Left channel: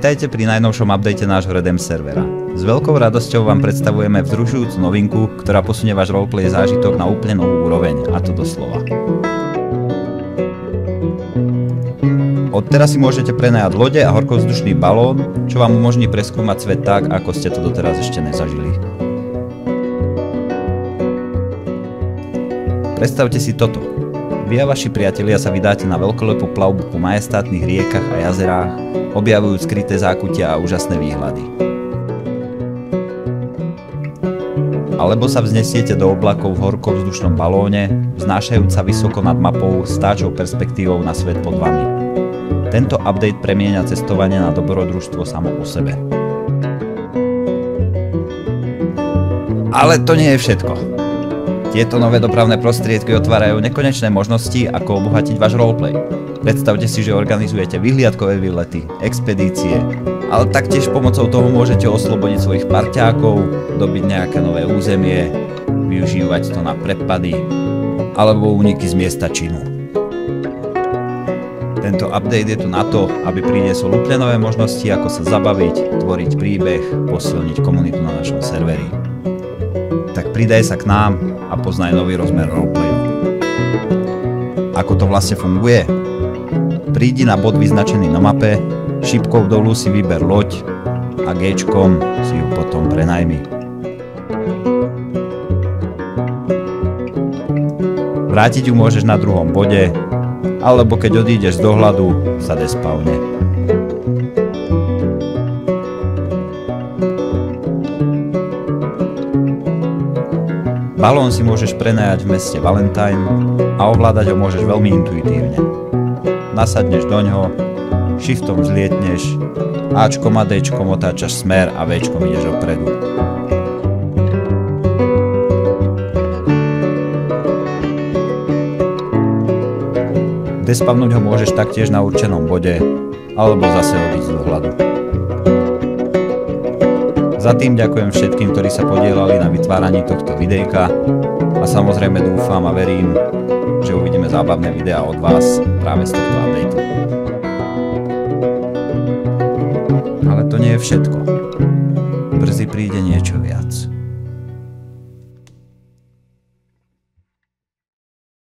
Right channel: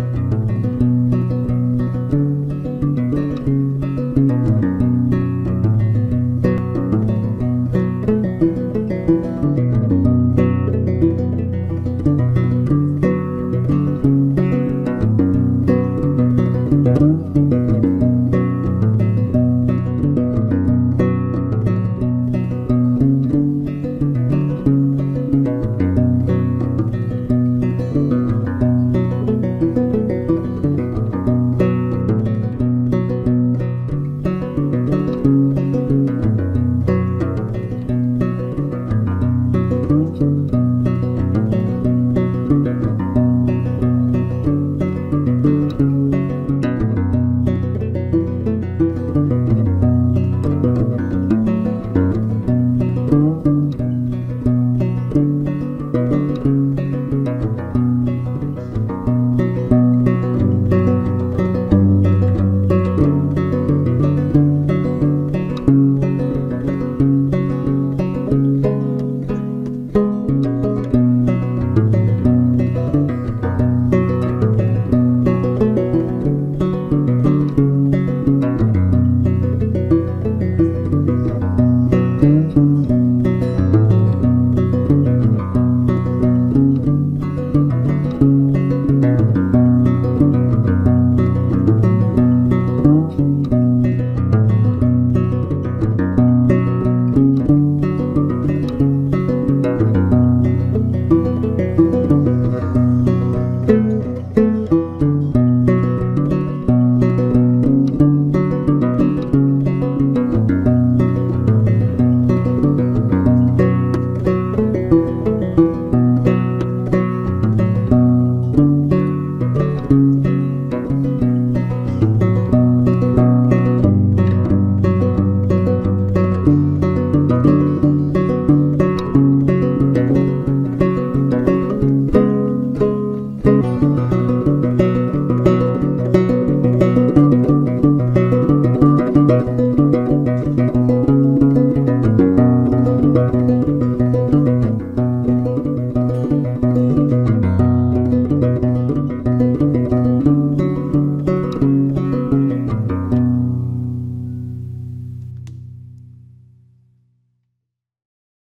Vitajte pri najnovšom update nášho Redem servera. S veľkou radosťou vám predstavujeme vzrušujúcu novinku, ktorá posunie váš roleplay zážitok na úplne novú úroveň, a to doslova. Odteraz si môžete prenajať lode a horkovzdušný balón, čo vám umožní preskúmať svet tak, ako ste to doteraz ešte nezažili. Predstavte si toto. Vy a vaši priatelia sa vydáte na veľkolepú plavbu po majestátnych riekach a jazerách, objavujú skryté zákutia a úžasné výhľady. Alebo sa vznesiete do oblakov v horkovzdušnom balóne, vznášajúc sa vysoko nad mapou s táčou perspektívou na svet pod vami. Tento update premieňa cestovanie na dobrodružstvo samo o sebe. Ale to nie je všetko. Tieto nové dopravné prostriedky otvárajú nekonečné možnosti, ako obohatiť váš roleplay. Predstavte si, že organizujete vyhliadkové výlety, expedície, ale taktiež pomocou toho môžete oslobodiť svojich parťákov, dobiť nejaké nové územie, využívať to na prepady alebo úniky z miesta činu. Tento update je tu na to, aby priniesol úplne nové možnosti, ako sa zabaviť, tvoriť príbeh, posilniť komunitu na našom serveri. Tak pridaj sa k nám a poznaj nový rozmer roleplayu. Ako to vlastne funguje? Prídi na bod vyznačený na mape, šipkou dolu si vyber loď a G-čkom si ju potom prenajmi. Vrátiť ju môžeš na druhom bode, alebo keď odídeš z dohľadu, sa despavne. Balón si môžeš prenajať v meste Valentine a ovládať ho môžeš veľmi intuitívne. Nasadneš doňho, shiftom vzlietneš, Ačkom a Dčkom otáčaš smer a Včkom ideš opredu. Despavnúť ho môžeš taktiež na určenom bode, alebo zase odísť z dohľadu. Za tým ďakujem všetkým, ktorí sa podielali na vytváraní tohto videjka a samozrejme dúfam a verím, že uvidíme zábavné videá od vás práve z tohto updateu.